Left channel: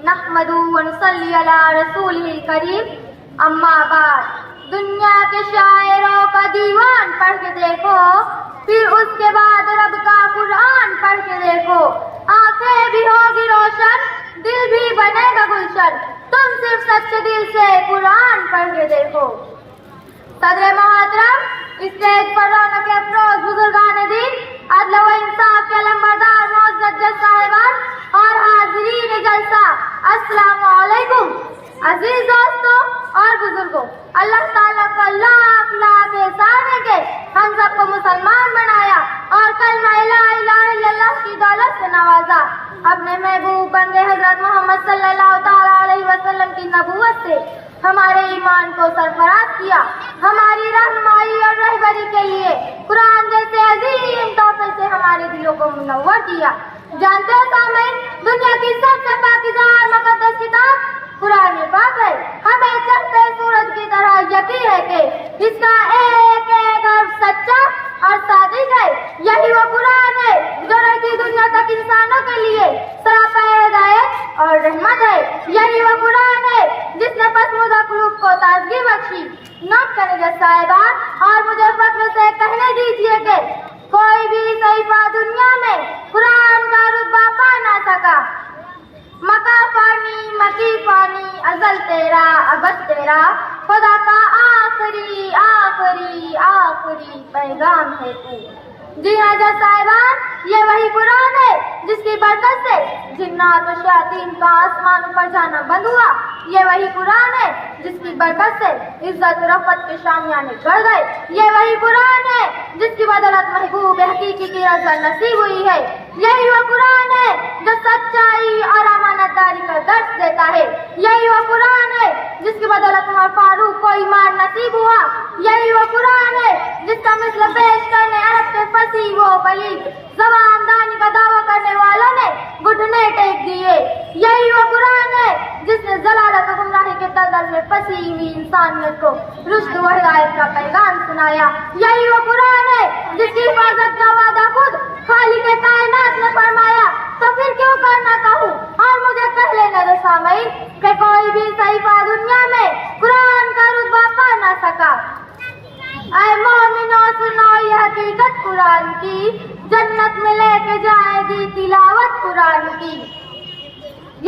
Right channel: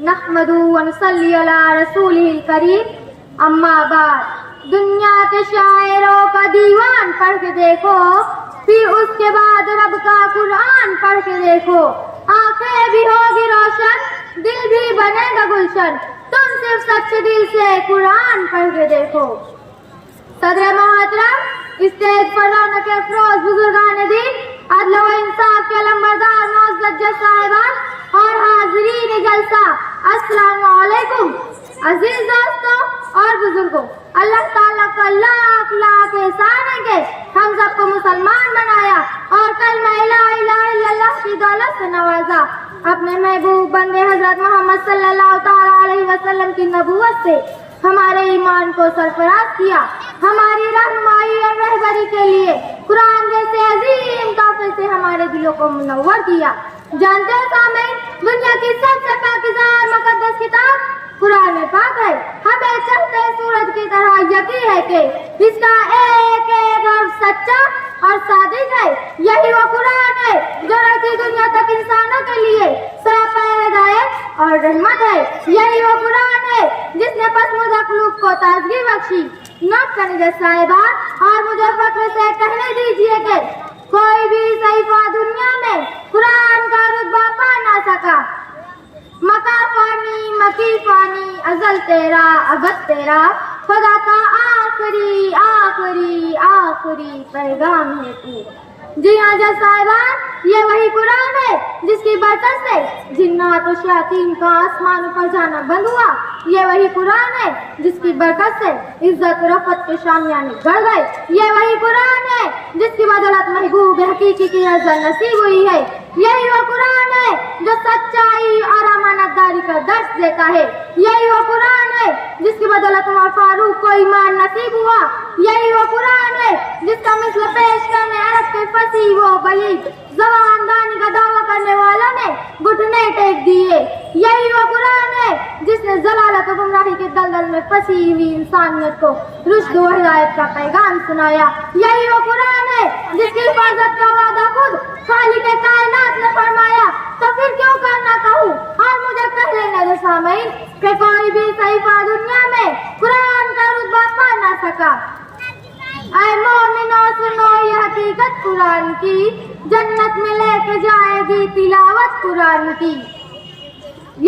نحمدہ و نصلی علی رسولہ الکریم، اما بعد۔ دنیا کے شاعروں کا دیوان پڑھ کے دیکھو، پھر اس کے بعد رب کا قرآن پڑھ کے دیکھو، آنکھیں بھی ہوگی روشن، دل بھی بنے گا گلشن، تم صرف سچے دل سے قرآن پڑھ کے دیکھو۔ صدر محترم، اسٹیج پر رونق افروز بزرگان دین، عدل و انصاف کے علمبردار معزز جج صاحبان اور حاضرین جلسہ، السلام علیکم۔ عزیز دوستوں اور بزرگوں، اللہ تعالیٰ کا لاکھ لاکھ احسان ہے کہ ہم سب کو مسلمان بنایا اور کلمہ لا الہ الا اللہ کی دولت سے نوازا، اپنے محبوب بندے حضرت محمد صلی اللہ تعالیٰ علیہ وسلم کی نبوت سے ہمارے ایمان کو سرفراز کیا، ہماری رہنمائی اور رہبری کے لیے قرآن جیسے عظیم تحفے سے ہمارے دلوں کو منور کیا۔ جانتے ہو سامعین، دنیا کی سب سے پاکیزہ اور مقدس کتاب قرآن پاک ہے۔ ہمیں چمکتے سورج کی طرح یقین ہے کہ اس کا ایک ایک حرف سچا اور صادق ہے۔ یہی وہ قرآن ہے جو رہتی دنیا تک انسانوں کے لیے سراپا ہدایت اور رحمت ہے۔ یہی وہ قرآن ہے جس نے پسماندہ قلوب کو تازگی بخشی۔ نوٹ کریں جج صاحبان، اور مجھے فخر سے کہنے دیجیے کہ کوئی بھی صحیفہ دنیا میں قرآن کا رتبہ پا نہ سکا۔ مکا فانی مکی فانی، ازل تیرا ابد تیرا، خدا کا آخری آخری آخری پیغام ہے تو۔ جی ہاں جج صاحبان، یہ وہی قرآن ہے جس کی برکت سے جنات و شیاطین کا آسمان پر جانا بند ہوا۔ یہ وہی قرآن ہے جس کی برکت سے عزت و رفعت کے شامیانے گڑ گئے۔ یہ وہی قرآن ہے جس کی بدولت محبوب حقیقی کی رضا نصیب ہوئی ہے۔ یہی وہ قرآن ہے جو سچائی اور امانت داری کا درس دیتا ہے۔ یہی وہ قرآن ہے جس کی بدولت عمر فاروق کو ایمان نصیب ہوا۔ یہی وہ قرآن ہے جس کا مثل پیش کرنے عرب کے فصیح و بلیغ زبان دانی کا دعویٰ کرنے والوں نے گھٹنے ٹیک دیے۔ یہی وہ قرآن ہے جس نے ضلالت و گمراہی کے دلدل میں پھنسی ہوئی انسانیت کو رشد و ہدایت کا پیغام سنایا۔ یہی وہ قرآن ہے جس کی حفاظت کا وعدہ خود خالق کائنات نے فرمایا۔ تو پھر کیوں کرنا کہوں، اور مجھے کہہ لینے دو سامعین کہ کوئی بھی صحیفہ دنیا میں قرآن کا رتبہ پا نہ سکا۔ اے مومنو سنو یہ حقیقت قرآن کی، جنت میں لے کے جائے گی تلاوت قرآن کی۔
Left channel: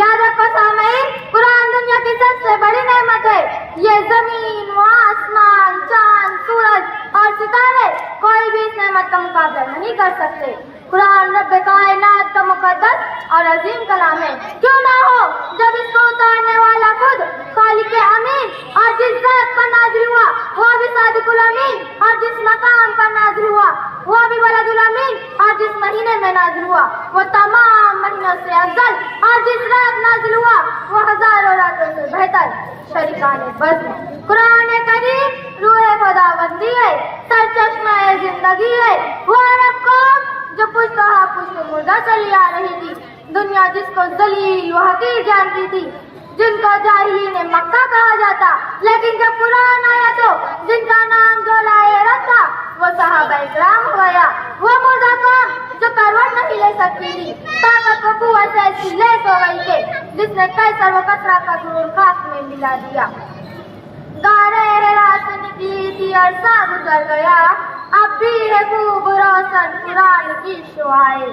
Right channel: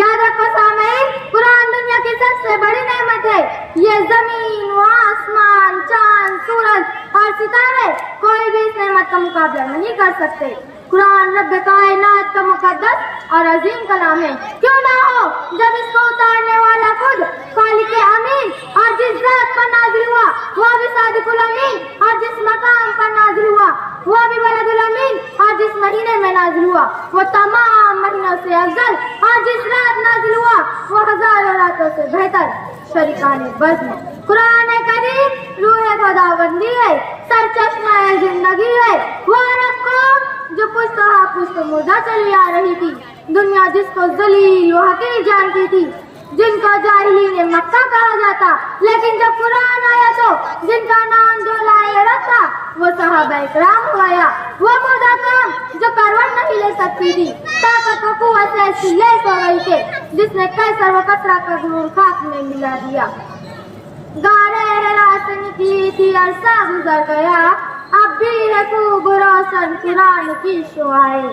یاد رکھو سامعین، قرآن دنیا کی سب سے بڑی نعمت ہے۔ یہ زمین و آسمان، چاند، سورج اور ستارے کوئی بھی اس نعمت کا مقابلہ نہیں کر سکتے۔ قرآن رب کائنات کا مقدس اور عظیم کلام ہے، کیوں نہ ہو جب اس کو اتارنے والا خود خالق امین اور جس ذات پر نازل ہوا وہ بھی صادق الامین، اور جس مقام پر نازل ہوا وہ بھی ولد الامین، اور جس مہینے میں نازل ہوا وہ تمام مہینوں سے افضل، اور جس رات نازل ہوا وہ ہزاروں راتوں سے بہتر۔ شریکان بزم قرآن کریم روح خداوندی ہے، سرچشمہ زندگی ہے۔ وہ عرب قوم جو پشت پشت مردہ چلی آ رہی تھی، دنیا جس کو ذلیل و حقیر جانتی تھی، جن کو جاہلین مکہ کہا جاتا، لیکن جب قرآن آیا تو جن کا نام جو لائے رب تھا وہ صحابہ اکرام ہو گیا۔ وہ مردہ قوم جو کروٹ نہیں لے سکتی تھی، طاقت و قوت سے ایسی لیس ہو گئی تھی جس نے قیصر و کسریٰ کا غرور خاک میں ملا دیا۔ غارِ حرا سے نکلی تھی عرصہ گزر گیا، اب بھی ہے خوب روشن قرآن کی شعائیں۔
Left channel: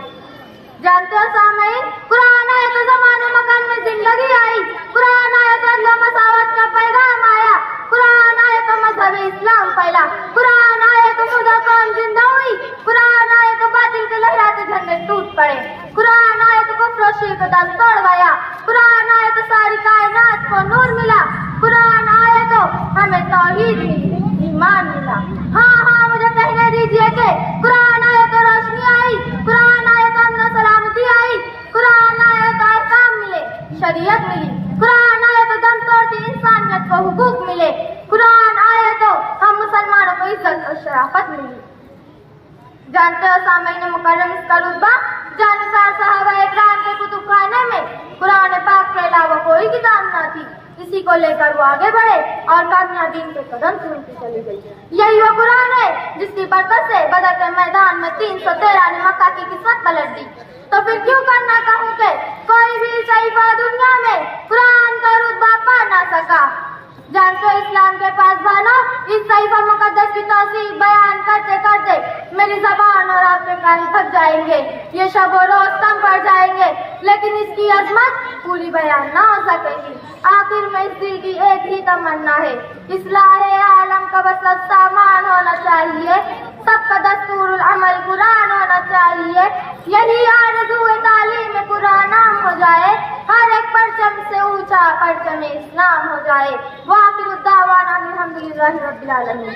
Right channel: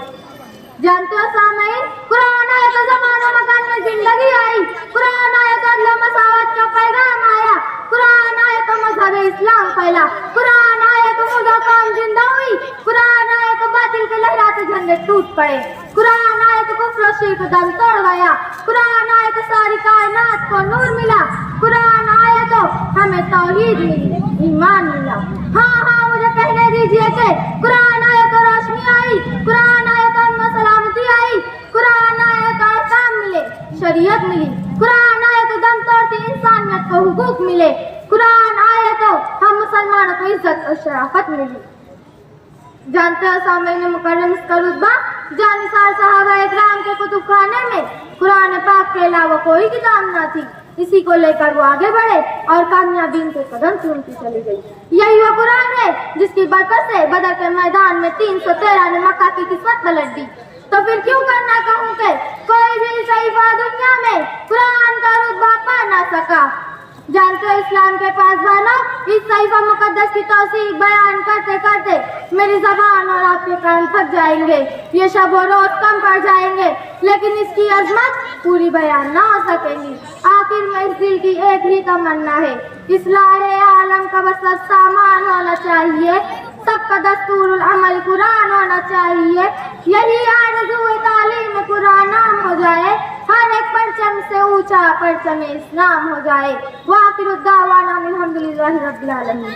جانتے ہو سامعین، قرآن آیا تو زمانہ مکان میں زندگی آئی، قرآن آیا تو عدل و مساوات کا پیغام آیا، قرآن آیا تو مذہب اسلام پھیلا، قرآن آیا تو مردہ قوم زندہ ہوئی، قرآن آیا تو باطل کے لہراتے جھنڈے ٹوٹ پڑے، قرآن آیا تو کفر و شرک دم توڑ گیا، قرآن آیا تو ساری کائنات کو نور ملا، قرآن آیا تو ہمیں توحید ملی، ایمان ملا۔ ہاں ہاں، مجھے کہنے دیجیے کہ قرآن آیا تو روشنی آئی، قرآن آیا تو امن و سلامتی آئی، قرآن آیا تو احکام ملے، شریعت ملی، قرآن آیا تو دم توڑتی انسانیت کو حقوق ملے، قرآن آیا تو ہم مسلمانوں کو عزت اور شرافت ملی۔ جانتے ہو سامعین مکرم، اس کا رتبہ جانثار صحابہ اکرام کے کتب خانے میں قرآن پاک کے علاوہ کوئی کتاب نہ تھی۔ اسی کو لے کر وہ آگے بڑھے اور کامیابی کے قدم چومتی چلی گئی. یہی وہ قرآن ہے جس کی برکت سے بدر کے میدان میں 313 نے مکہ کی قسمت پلٹ دی. تو پھر کیوں کرنا کہوں کہ کوئی بھی صحیفہ دنیا میں قرآن کا رتبہ پا نہ سکا. جانتے ہو اسلام کے پاسبانوں، اس صحیفہ مقدس کی توصیف بیان کرتے کرتے میری زبان اور آپ کے کان تھک جائیں گے، یہ شب و روز کم پڑ جائیں گے، لیکن اس کی عظمت پوری بیان نہ ہو سکے گی. آخر میں اس دل کی ایک ہی تمنا ہے، اصلاح عالم کا بس سامان ہونا چاہیے، سب کا دستور العمل قرآن ہونا چاہیے. یہی آرزو تعلیم قرآن عام ہو جائے، ہر ایک پرچم سے اونچا پرچم اسلام ہو جائے. وآخر الدعوانا الحمدللہ رب العالمین.